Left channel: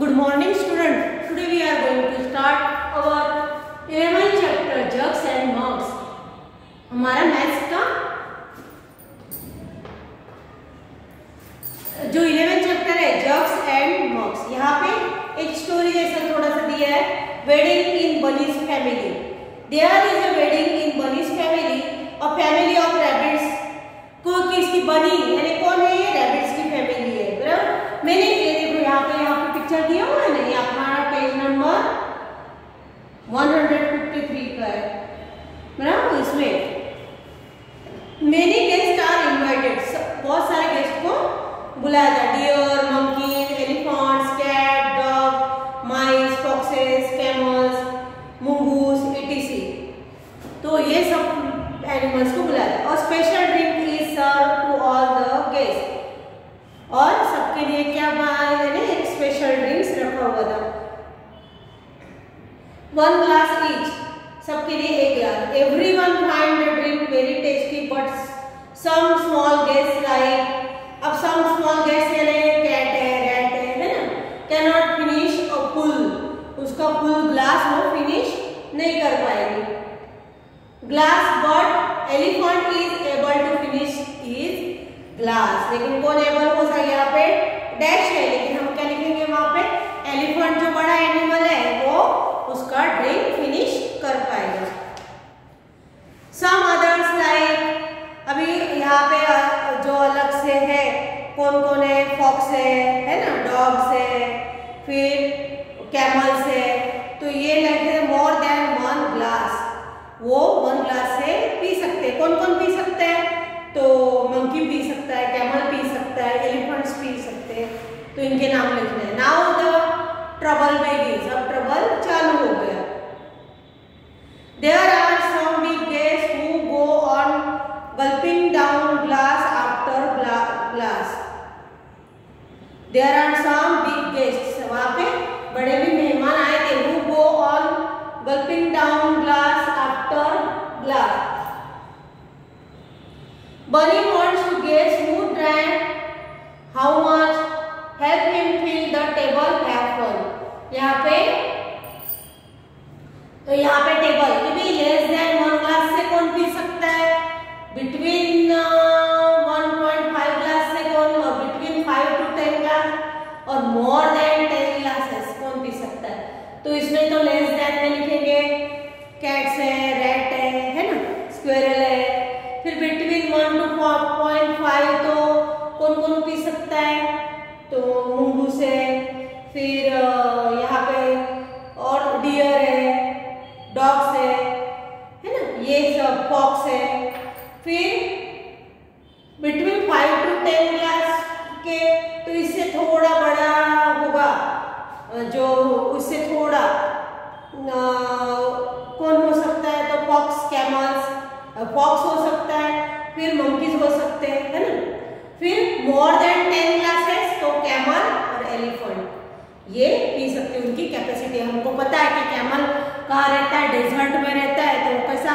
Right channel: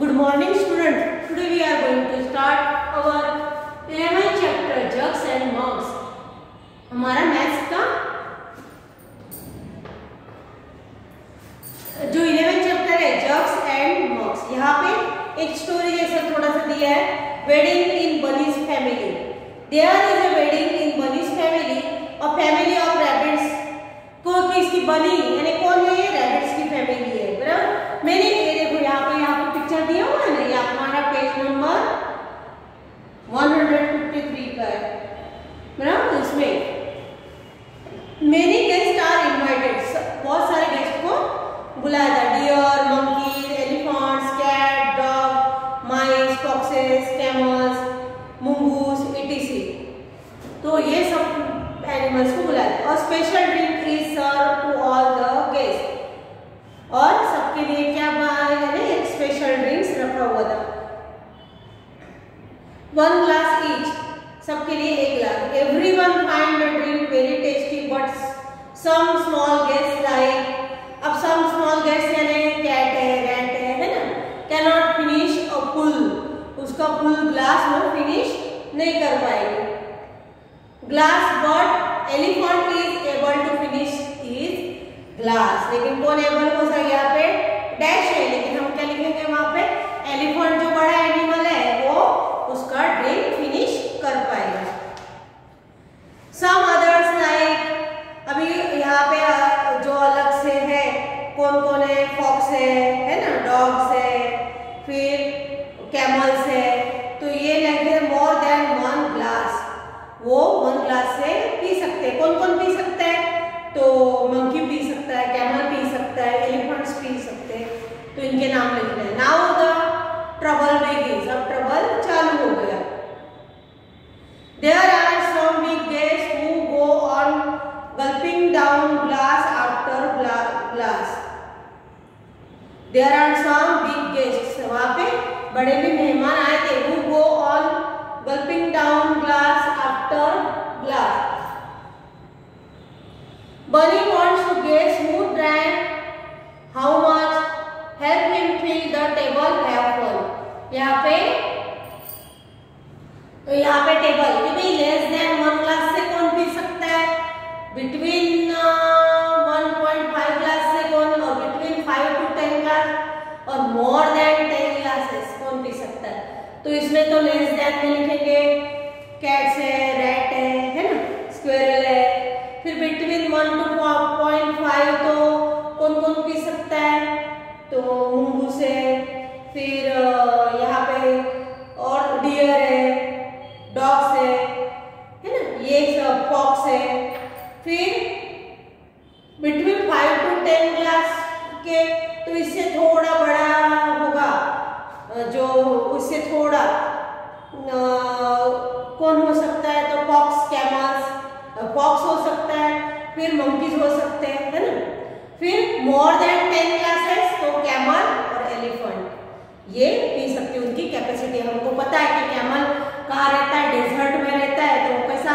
Good morning students. Today we are going to start our 11th chapter jugs and mugs. हमारा maths का जो 11th chapter है jugs and mugs, यहाँ पे एक स्टोरी जैसा थोड़ा सा दिया है, wedding in Bunny's family. There is a wedding in Bunny's family, a family of rabbits. को किसकी बनी यानी कौन है? रैबिट्स की फैमिली है. बराबर. मैंने ये देखो यहाँ पे पिक्चर दिया हुआ है ना, ये हमारा पेज नंबर 153 का है. बराबर. इसमें मेनी गेस्ट आर इनवाइटेड, बहुत सारे गेस्ट को बुलाया था. Deer, monkey, elephants, cat, dog, mice, foxes, camels, mongoose, etc. तो ये सब एनिमल्स को बुलाया था. और special drink is serve to all the guest. और सबके लिए क्या बनाया यानी एक स्पेशल ड्रिंक्स रखा हुआ था. 1 ग्लास ईच, सबके लिए एक गिलास. Everyone find the drink very tasty but some small guest like, अब सम स्मॉल गेस्ट यानी कैट है, रैट है ना, can not finish a full, उसका फुल ग्लास वो फिनिश नहीं कर पाएंगे. Glass but elephant is able to finish his glass. लेकिन कौन एबल हो सकता है? यहाँ पे डैश है, लेकिन हम क्या लिखेंगे वहां पे? एलिफेंट जो बड़ा एनिमल है वो उसका ड्रिंक फिनिश कर पाएगा. सम अदर्स लाइक, अभी यहाँ पे जो अलग से है कौन कौन है? फॉक्स है ना, डॉग्स है, फिर कैमल्स है. तो ये लगे मोर देन 1 ग्लास, वो 1 ग्लास से पी सकते. कौन कौन पी सकते हैं? तो मंकी पी सकता है, कैमल पी सकता है, एलिफेंट्स पी सकते हैं. तो इनके नाम लिखना है. नाउ द ट्रबल बिगिंस, अब ट्रबल चालू हो गया. There are some big guest who go on gulping down glass after glass. There are some big guest, वहां पे बड़े भी मेहमान आए थे. Who go on gulping down glass after glass. Bunny wants to guess who drank how much. Help him fill the table. Have fun. यहाँ पे table भी लेस देन 1 ग्लास से कौन पी सकता है? बिटवीन 1.5 ग्लास से कौन, और बिटवीन 5 to 10 ग्लास, और मोर देन 10 ग्लासेस कौन पी सकता है? तो इसमें तो लेस देन में लिखेंगे कैट्स है, रैट है ना, स्क्वेरल है. फिर बिटवीन 1 to 0.5 तो कौन कौन पी सकता है? तो मुंगूस है, फिर यहाँ पे और डियर है, डॉग्स है ना, ये सब फॉक्स है. फिर बिटवीन 5 to 10 ग्लास के, तो इससे थोड़ा बड़ा होगा, जो उससे थोड़ा कौन हो सकता है? तो फॉक्स, कैमल्स, फॉक्स हो सकता है, फिर मंकीज हो सकते हैं, है ना. फिर मोर देन 10 ग्लासेस तो कैमल और एलिफेंट ये पी सकते हैं. उनकी कैपेसिटी हमको पता है कि कैमल कहाँ रहता है? डेजर्ट में रहता है. तो कैसा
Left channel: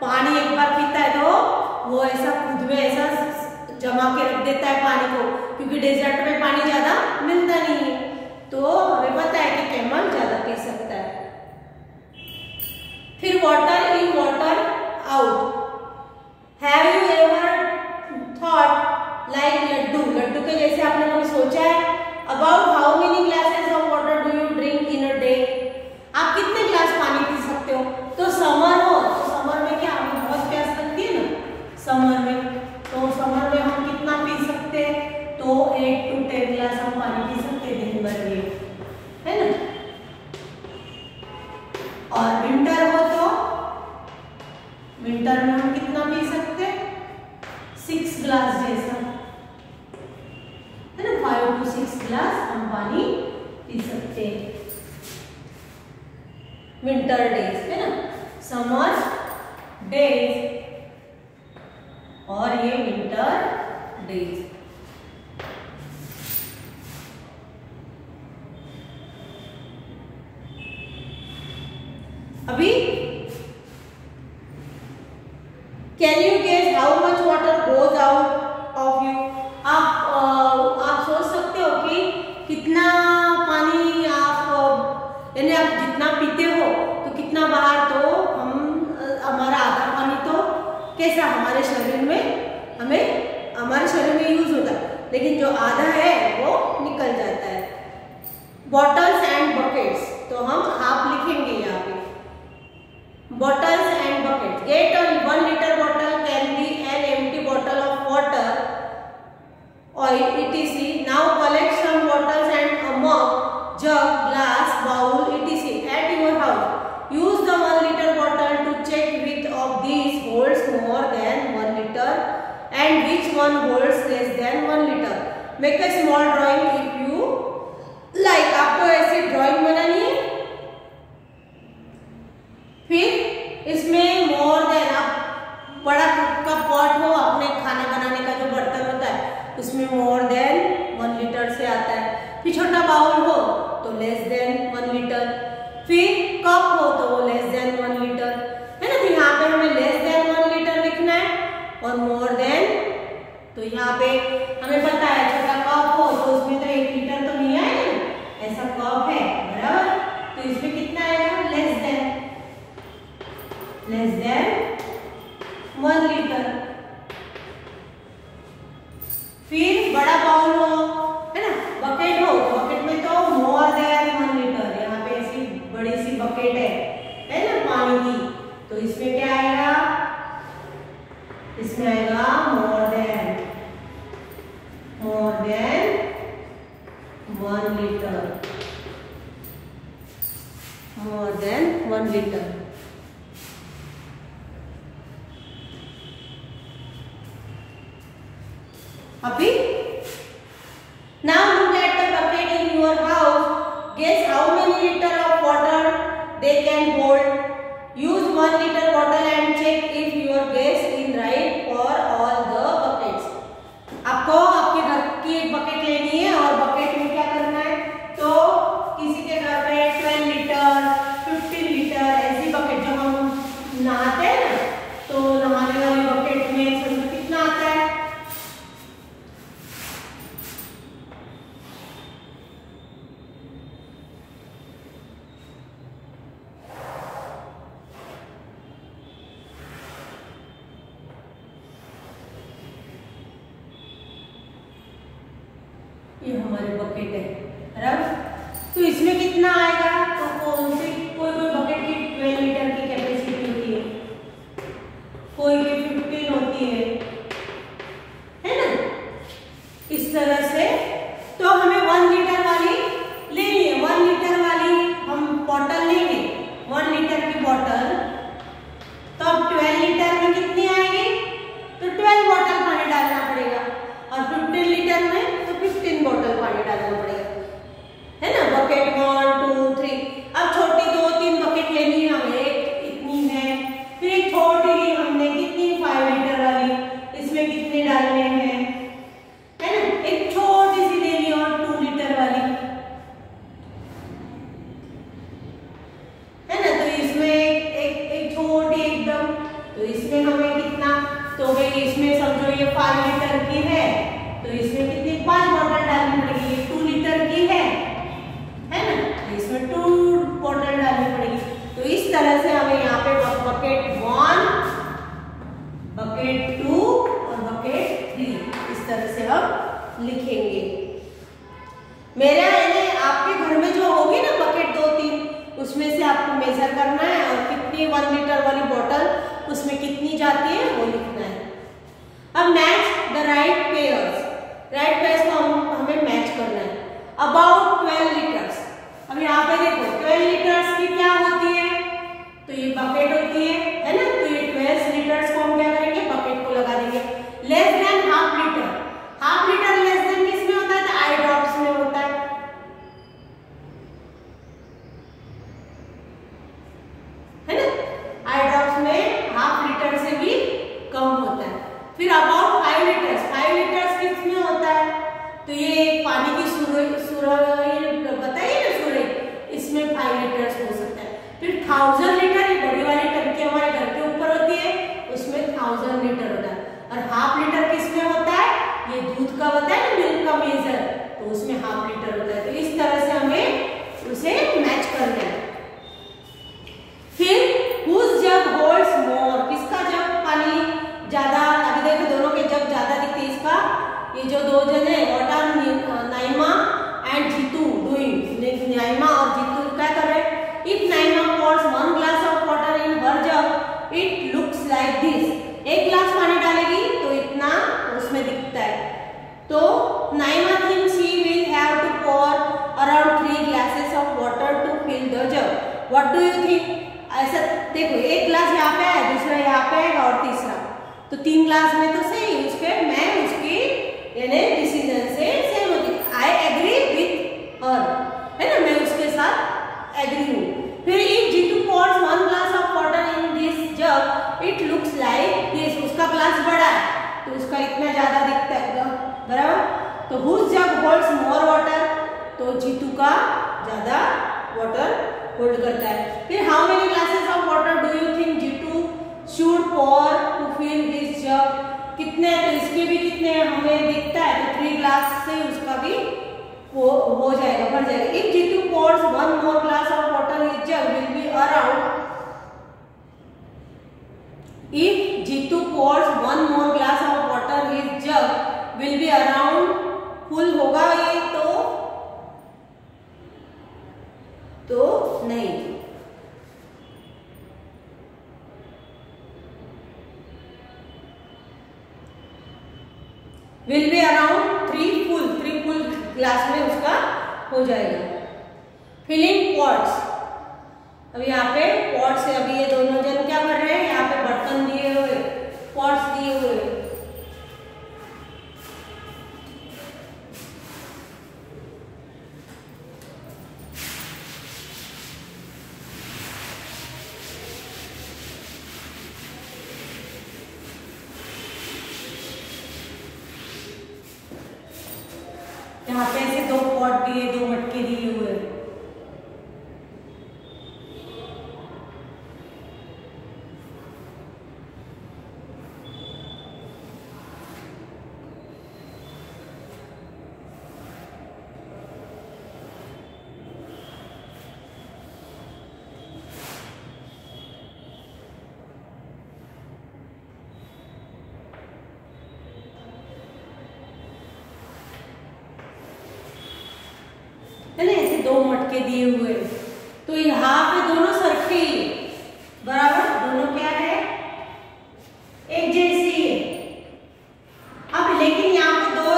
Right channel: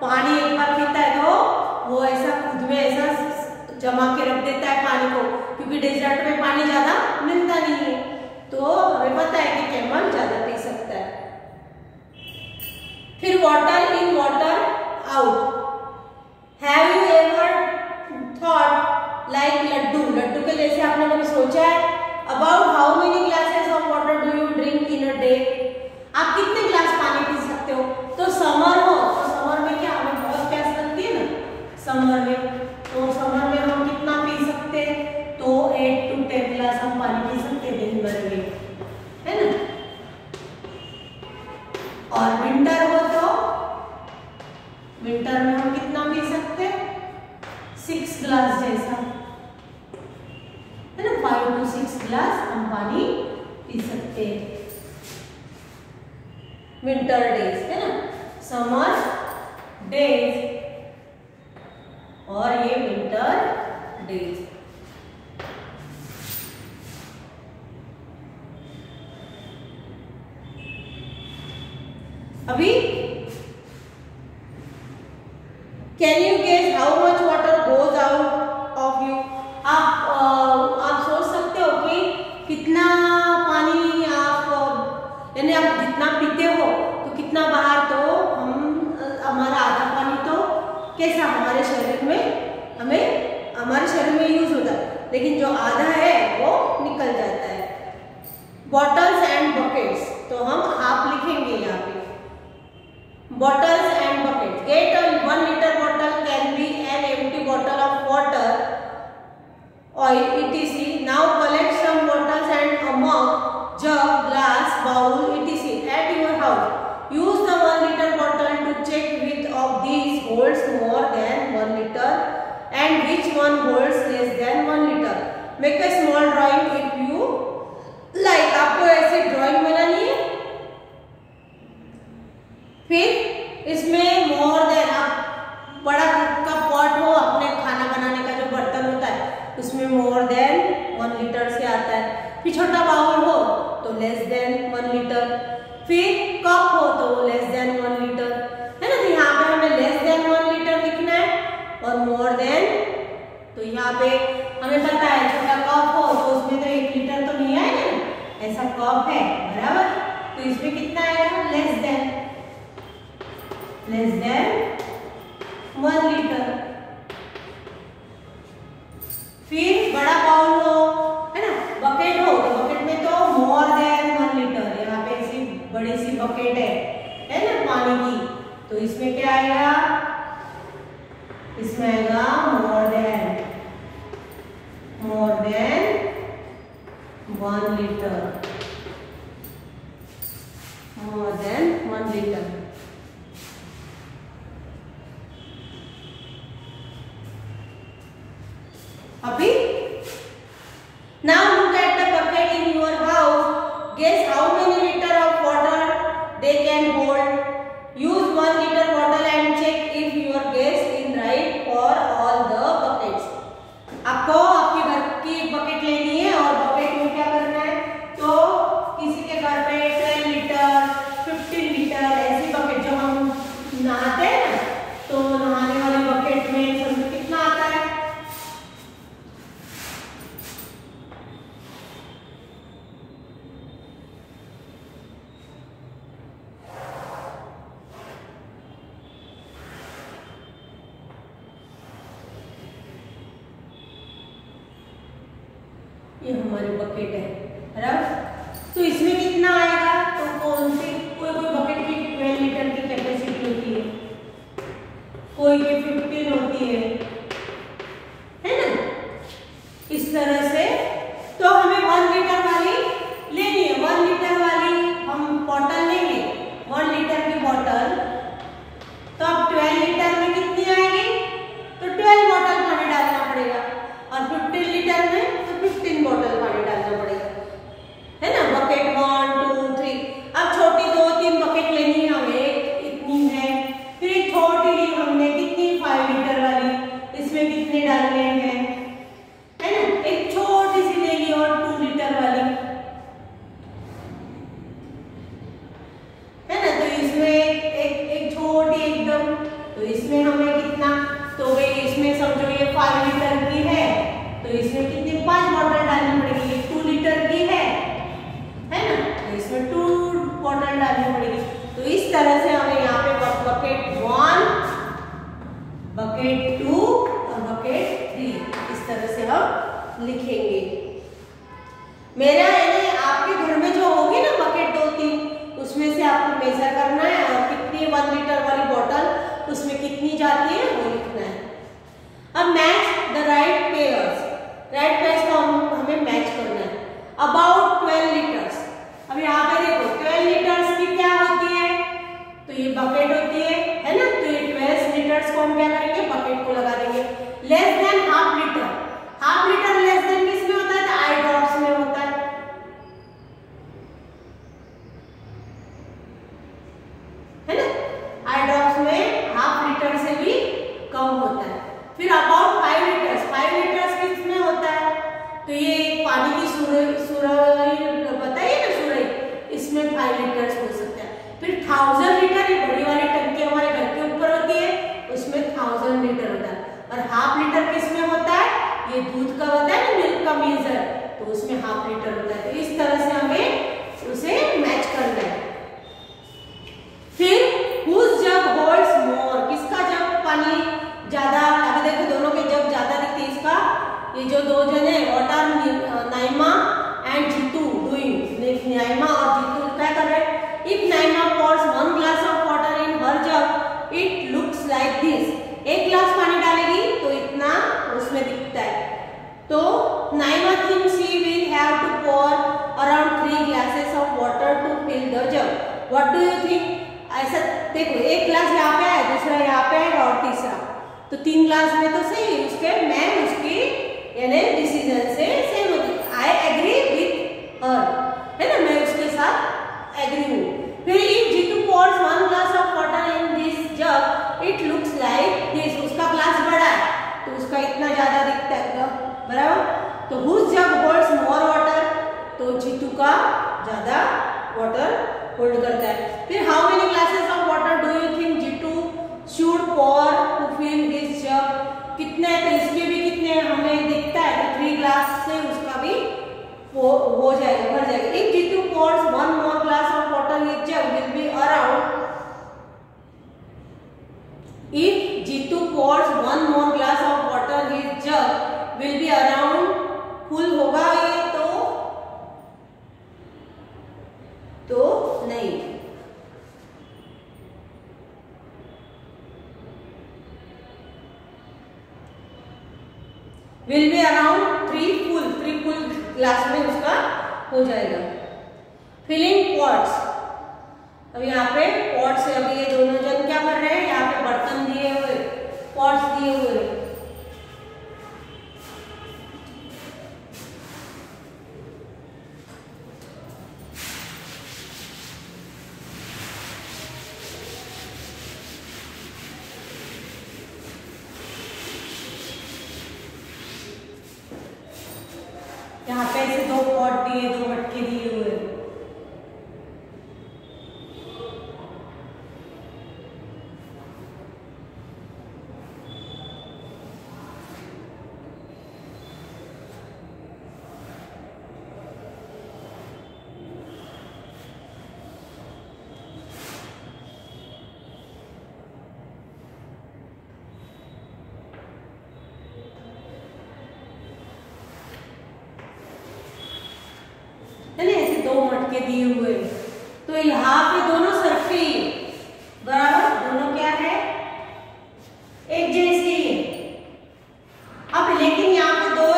पानी एक बार पीता है तो वो ऐसा खुद में ऐसा जमा के रख देता है पानी को, क्योंकि डेजर्ट में पानी ज्यादा मिलता नहीं है. तो हमें पता है कि कैमल ज्यादा पी सकता है. फिर water in water out. Have you ever thought like laddoo के जैसे आपने कभी सोचा है? About how many glasses of water do you drink in a day? आप कितने ग्लास पानी पी सकते हो? तो समर हो तो समर में क्या हमें बहुत प्यास लगती है ना, समर में. तो समर में हम कितना पी सकते हैं? तो 8 to 10 ग्लास हम पानी पी सकते हैं दिन भर में, है ना. और विंटर हो तो विंटर में हम कितना पी सकते हैं? 6 ग्लास जैसा, है ना. 5 to 6 ग्लास हम पानी पी सकते हैं विंटर डेज, है ना. समर डेज और ये विंटर डेज. अभी can you guess how much water goes out of you. आप सोच सकते हो कि कितना पानी कितना पीते हो तो कितना बाहर, तो हम हमारा आधा पानी तो कैसा हमारे शरीर में हमारे शरीर में यूज होता है, लेकिन जो आधा है वो निकल जाता है। बॉटल्स एंड बकेट्स, तो हम हाफ लिखेंगे यहाँ पे, bottles and buckets. Get a 1 liter bottle can be an empty bottle of water, oil, etc. Now collect some bottles and a mug, jug, glass, bowl, etc. at your house. Use the 1 liter bottle to check which of these holds more than 1 liter and which one holds less than 1 liter. Make a small drawing if you like. आपको ऐसी drawing बनानी है। फिर इसमें more than, आप बड़ा का pot हो, अपने खाना बनाने का जो बर्तन होता है उसमें मोर देन 1 लीटर से आता है। फिर छोटा बाउल हो तो लेस देन 1 लीटर, फिर कप हो तो वो लेस देन 1 लीटर, है ना। तो यहाँ पे हमें लेस देन 1 लीटर लिखना है और मोर देन, तो यहाँ पे हमें पता है छोटा कप हो तो उसमें तो 1 लीटर तो नहीं आएगा ना, ऐसा कप है बराबर, तो इसमें कितना आएगा, लेस देन 1 लीटर। फिर बड़ा बाउल हो, है ना, बकेट हो तो बकेट में तो मोर देन 1 लीटर, यहाँ पे ऐसी बड़ी सी बकेट है ना पानी की, तो इसमें क्या आएगा, इसमें आएगा more than 1 litre, more than 1 litre. अभी now look at the bucket in your house. Guess how many liter of water they can hold. Use 1 liter bottle and check if your guess is right for all the buckets. आपको आपके घर की एक bucket लेनी है और bucket में क्या करना है, तो किसी के घर पे 12 लीटर 15 लीटर ऐसी बकेट, जब हम नहाते हैं ना तो नहाने वाली बकेट में समझो कितना आता है, ये हमारी बकेट है बराबर। तो इसमें कितना आएगा, तो कौन सी कोई बकेट की 12 लीटर की कैपेसिटी होती है, कोई की 15 होती है ना, इस तरह से। तो हमें 1 लीटर वाली लेनी है, 1 लीटर वाली हम बॉटल लेंगे, 1 लीटर की बॉटल, तो अब 12 लीटर में कितनी आएगी, तो 12 बॉटल पानी डालना पड़ेगा, और 15 लीटर में तो 15 बॉटल पानी डालना पड़ेगा, है ना। बकेट 1 2 3, अब छोटी 2-3 बकेट लेनी है हमें, इतनी है। फिर एक छोटी ली हमने कितनी, 5 लीटर वाली, इसमें कितने डालने हैं, है ना। एक छोटी सी ले ली और 2 लीटर वाली, है ना। तो इसमें एक छोटी एकदम, तो इसमें हमें कितना, तो भाई इसमें समझो ये 5 लीटर की है, तो इसमें कितनी 5 बॉटल डालनी पड़ेगी, ये 2 लीटर की है ना, तो इसमें 2 बॉटल डालनी पड़ेगी। तो इस तरह से हमें यहाँ पे बकेट 1, बकेट 2 और बकेट 3 इस तरह से हम लिखेंगे। मेरा यानी आपके घर में जो होगी ना बकेट 2-3, उसमें से आपको मेजर करना है और कितनी 1 लीटर वाली बॉटल उसमें कितनी जाती है वो लिखना है। अब match the right pairs, right pairs को हमें मैच करना है। अबाउट 12 लीटर्स, अब यहाँ पे देखो 12 लीटर्स की क्या होती है, तो ये बकेट होती है ना, तो ये 12 लीटर्स को हम क्या करेंगे, बकेट को लगा देंगे। Less than half litre, half litre less than किस में होता है, तो आई ड्रॉप्स में होता है ना, आई ड्रॉप्स में हाफ लीटर से भी कम होता है। फिर अबाउट 5 लीटर्स, 5 लीटर्स किस में होता है, तो ये पानी की सुराही बताइए ना, सुराही, इसमें 5 लीटर्स हो सकता है। फिर 1000 लीटर, ये बड़ी वाली टंकी हमारे घर के ऊपर होती है, उसमें 1000 लीटर होता है। और हाफ लीटर किस में होता है, ये दूध का होता है ना, मिल्क का मेजर, तो उसमें हाफ लीटर होता है। तो इस तरह से हमें उसे मैच करना है। What do you think? ऐसा देखो, एक ग्लास यहाँ पे है, दूसरा यहाँ पे है और तीसरा, तो 3 ग्लास में तो सही उसके मैं उसकी यानी डिसीजन से सेम होगी। आई एग्री विथ हर, है ना, मैं उसके साथ एग्री हूँ। फिर if Jeetu pours 1 glass of water in this jug, it looks like this, उसका ग्लास बड़ा है तो उसका इतना ज्यादा दिखता है, बराबर। तो whose jug holds more water, तो जीतू का ज्यादा वाटर होल्ड करता है। फिर how many glasses of water do you think Jeetu should pour to fill this jug, कितने, तो इसके भी कितने हमें दिखता है तो 3 ग्लास से उसका भी हो जाएगा, भर जाएगा। If Jeetu pours 1 more glass of water in his jug will be around, if Jeetu pours 1 more glass of water in his jug will be around, full होगा ये तो नहीं। Will be around 3 full glass में उसका हो जाएगा। फिलिंग पॉट्स, अब यहाँ पे पॉट से अभी ये दोनों जन क्या कर रहे हैं, यहाँ पे बर्तन दिए हुए, पॉट्स दिए हुए, यहाँ पे ऐसे 2 पॉट दिए, 2 मटके दिए हुए। है ना, ऐसे 2 मटके दिए हुए, तो यहाँ पे दोनों सरफी बराबर, दोनों क्या है, एक जैसी है। अब लेकिन यहाँ पे 2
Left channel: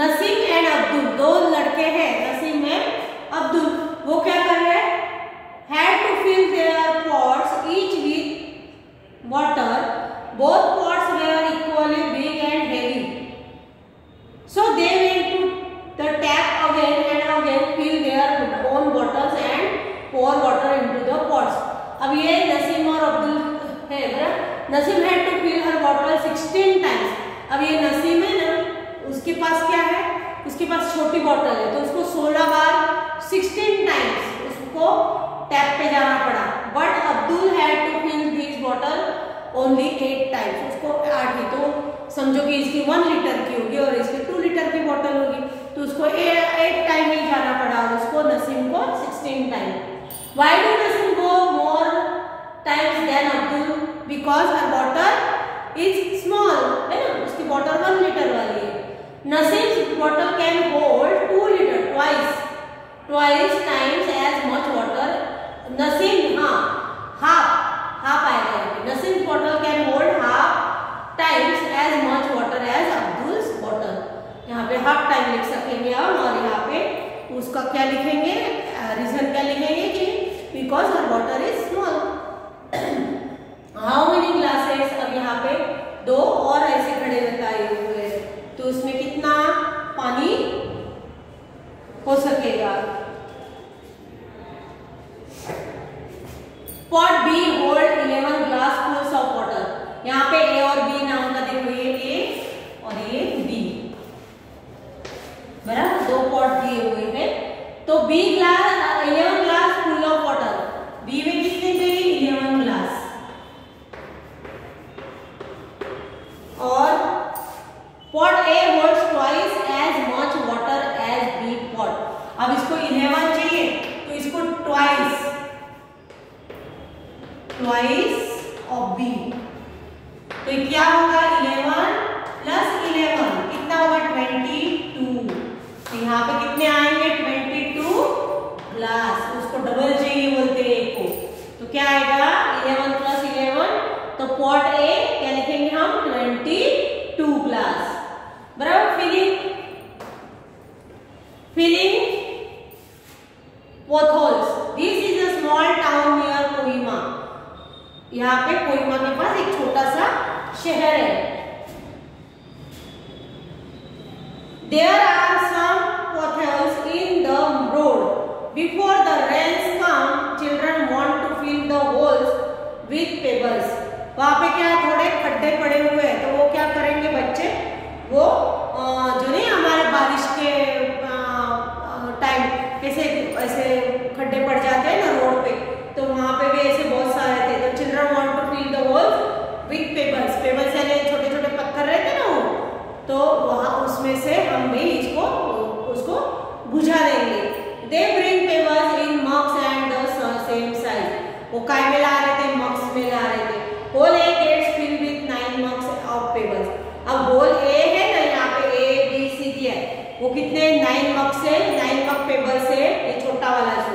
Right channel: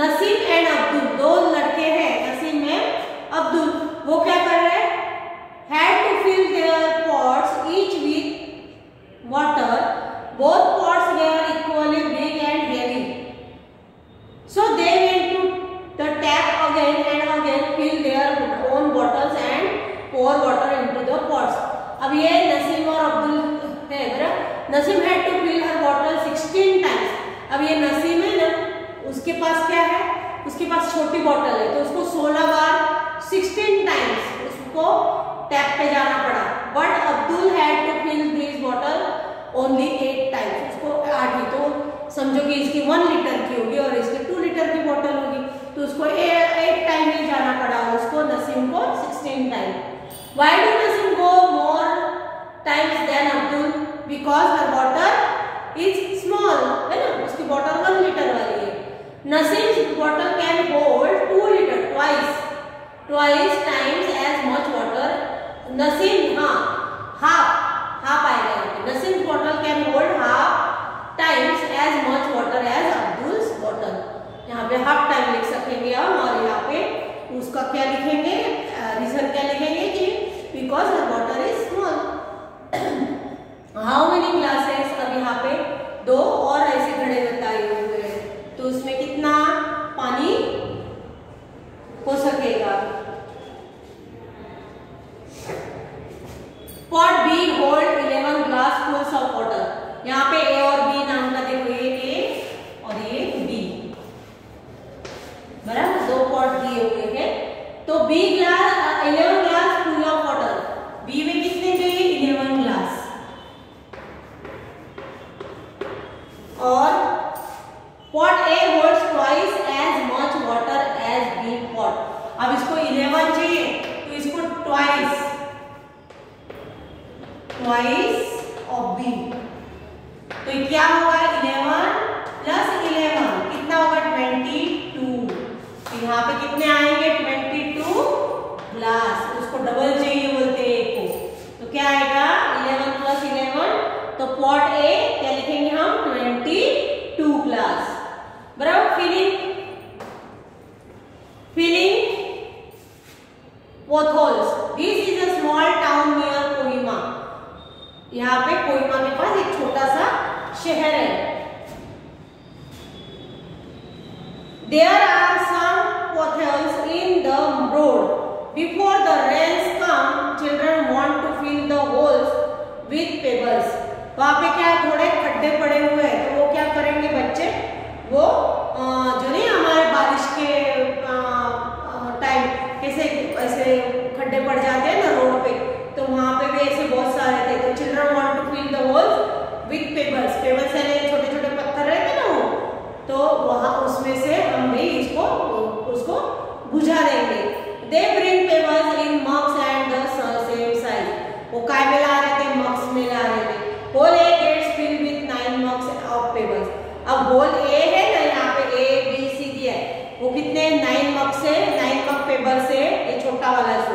नसीम एंड अब्दुल, 2 लड़के हैं, नसीम एंड अब्दुल, वो क्या कर रहे हैं, had to fill their pots each with water, both pots were equally big and heavy, so they went to the tap again and again, fill their own bottles and pour water into the pots. अब ये नसीम और अब्दुल है, बराबर। Naseem had to fill her bottle 16 times. अब ये नसीम है ना, उसके पास क्या है, उसके पास छोटी बॉटल है तो उसको 16 बार 16 टाइम्स उसको टैप पे जाना पड़ा। But Abdul had to fill this bottle only 8 times, उसको 8 ही, तो समझो कि इसकी 1 लीटर की होगी और इसकी 2 लीटर की बॉटल होगी, तो उसको 8 टाइम ही जाना पड़ा, उसको नसीम को 16 time. Why do Naseem go more times than Abdul, because her bottle is small, है ना, उसकी बॉटल 1 लीटर वाली है। Naseem's bottle can hold 2 litre, twice times as much water. Naseem, हाँ, हाफ आएगा, Naseem bottle can hold half times as much water as Abdul's bottle. यहाँ पे half time लिख सकेंगे हम, और यहाँ पे उसका क्या लिखेंगे, रीजन क्या लिखेंगे कि because her water is small. How many glasses, अब यहाँ पे 2 और ऐसे खड़े बताए हुए हैं, तो उसमें कितना पानी हो सकेगा। Pot B hold 11 glass fulls of water, यहाँ पे ए और बी नाम का देखो, ये ए और ये बी, बराबर, 2 पॉट दिए हुए हैं, तो B glass 11 glass full of water, B में कितने चाहिए, 11 ग्लास, और pot A holds twice as much water as B pot. अब इसको 11 चाहिए तो इसको ट्वाइस ऑफ बी, तो क्या होगा, 11 प्लस 11 कितना होगा, 22। तो यहाँ पे कितने आएंगे, 22 ग्लास, उसको डबल चाहिए बोलते हैं एक को, तो क्या आएगा 11 प्लस 11, तो पॉट ए क्या लिखेंगे हम, 22 ग्लास, बराबर। Filling both holes, this is a small यहाँ पे कोहिमा के पास एक छोटा सा शहर है। There are some potholes in the road. Before the rains come, children want to fill the holes with pebbles. वहाँ पे क्या थोड़े खड्डे पड़े हुए हैं, तो वो क्या करेंगे बच्चे, वो जो नहीं हमारे बारिश के टाइम कैसे ऐसे खड्डे पड़ जाते हैं ना रोड पे, तो वहाँ पे भी ऐसे बहुत सारे थे। तो children want to fill the holes with pebbles. Pebbles यानी छोटे छोटे पत्थर रहते ना वो, तो वहाँ उसमें से हम भी उसको बुझा देंगे। They bring pebbles in mugs and the same size. वो काय में ला रहे थे, मग्स में ला रहे थे। Hole A gets filled with 9 mugs of pebbles. अब होल ए है ना, यहाँ पे ए बी सी दिया है, वो कितने 9 मग से 9 मग पेबल से, ये छोटा वाला सो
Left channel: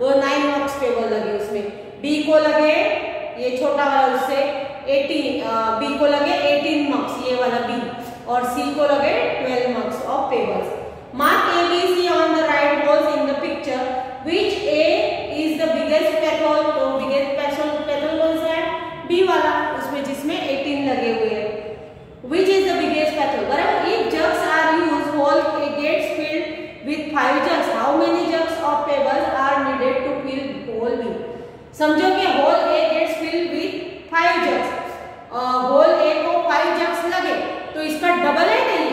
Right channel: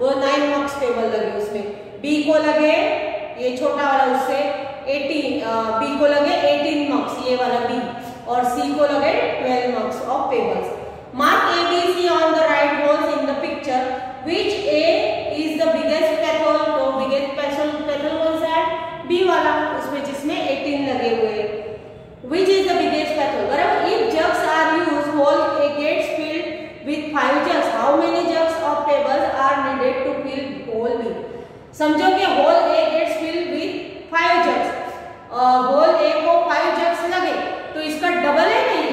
वो 9 मग्स पेबल लगे उसमें। बी को लगे ये छोटा वाला उससे 18 बी को लगे 18 मग्स ये वाला बी, और सी को लगे 12 mugs of pebbles. Mark A B C on the right holes in the picture. Which A is the biggest pothole. तो बिगेस्ट पैथोल कौन सा है, बी वाला, उसमें जिसमें 18 लगे हुए हैं। Which is the biggest pathol? Wherever if jugs are used, whole A gets filled with 5 jugs. How many jugs of pebbles are needed to fill whole B? समझो कि whole A gets filled with 5 jugs. whole A को 5 jugs लगे, तो इसका double है नहीं,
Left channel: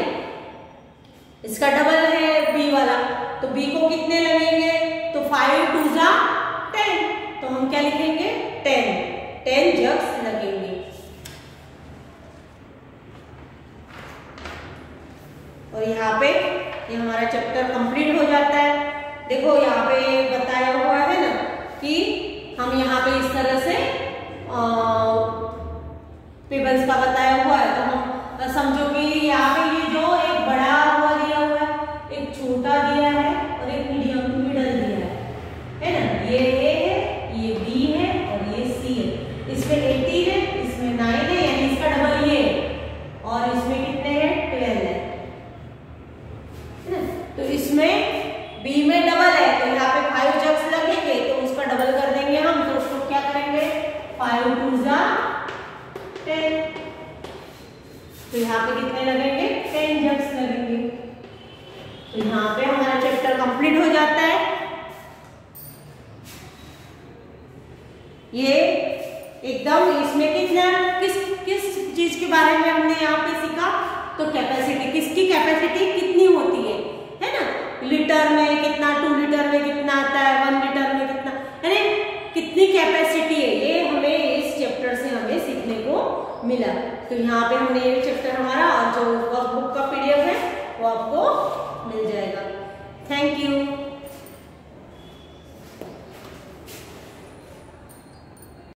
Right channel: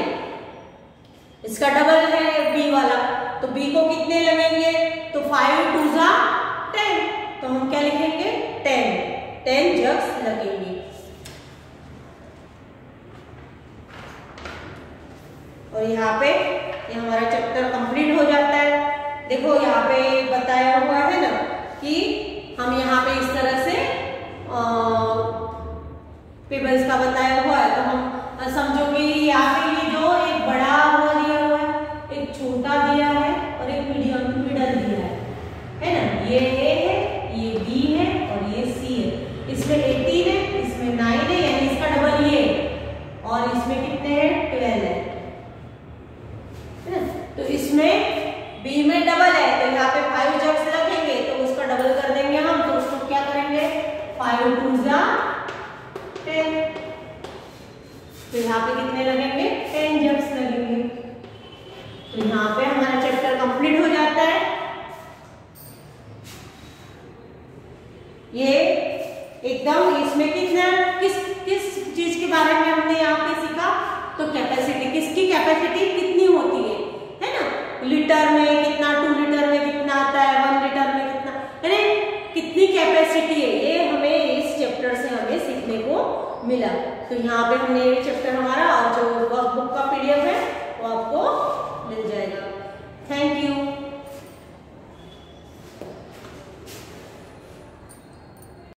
इसका double है B वाला, तो B को कितने लगेंगे, तो 5 2 जा 10, तो हम क्या लिखेंगे 10 jugs लगेंगे। और यहाँ पे ये हमारा चैप्टर कंप्लीट हो जाता है। देखो यहाँ पे बताया हुआ है ना कि हम यहाँ पे इस तरह से पेबल्स का बताया हुआ है, तो हम समझो कि यहाँ पे ये जो एक बड़ा हुआ दिया हुआ है, एक छोटा दिया है और एक मिडल दिया है ना। ये A है, ये B है और ये C है। इसमें 18 है, इसमें 9 है, यानी इसका डबल ये, और इसमें कितने हैं 12 है। तो इसमें B में डबल है, तो यहाँ पे 5 जग्स लगेंगे, तो उसका डबल कर देंगे हम, तो उसको क्या करेंगे 5 2 जा 10, तो यहाँ पे कितने लगेंगे 10 जग्स लगेंगे। तो यहाँ पे हमारा चैप्टर कंप्लीट हो जाता है। ये एकदम इसमें किस चीज के बारे में हमने यहाँ पे सीखा, तो कैपेसिटी, किसकी कैपेसिटी कितनी होती है ना, लीटर में कितना, 2 लीटर में कितना आता है, 1 लीटर में कितना, यानी कितनी कैपेसिटी है, ये हमें इस चैप्टर से हमें सीखने को मिला। तो यहाँ पे हमने ये चैप्टर हमारा और जो वर्कबुक का PDF है वो आपको मिल जाएगा। Thank you.